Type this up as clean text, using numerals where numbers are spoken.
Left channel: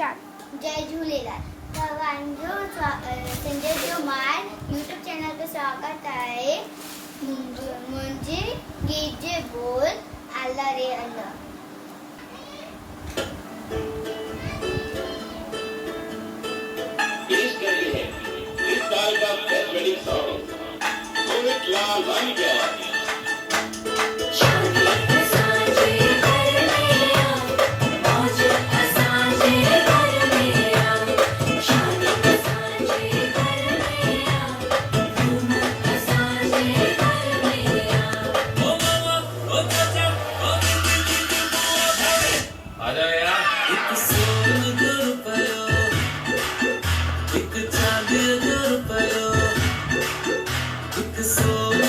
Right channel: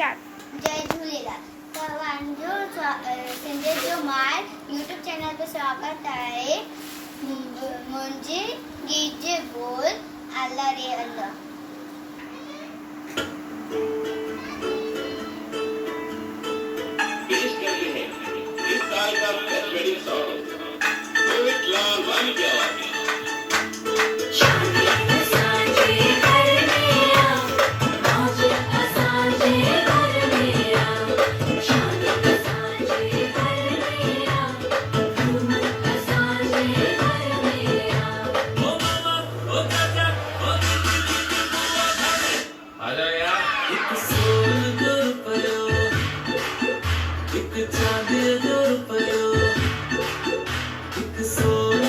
Start. जय झूलेलाल। तव्हांजो सिंध जो माल यूट्यूब चैनल ते स्वागत आहे। मुंहिंजे गीत जे बोल अल्लाह रे अल्लाह। पेश करते हैं इस साल का बेस्ट वेडिंग सॉन्ग रोहित लाल वानी की आवाज में। Sono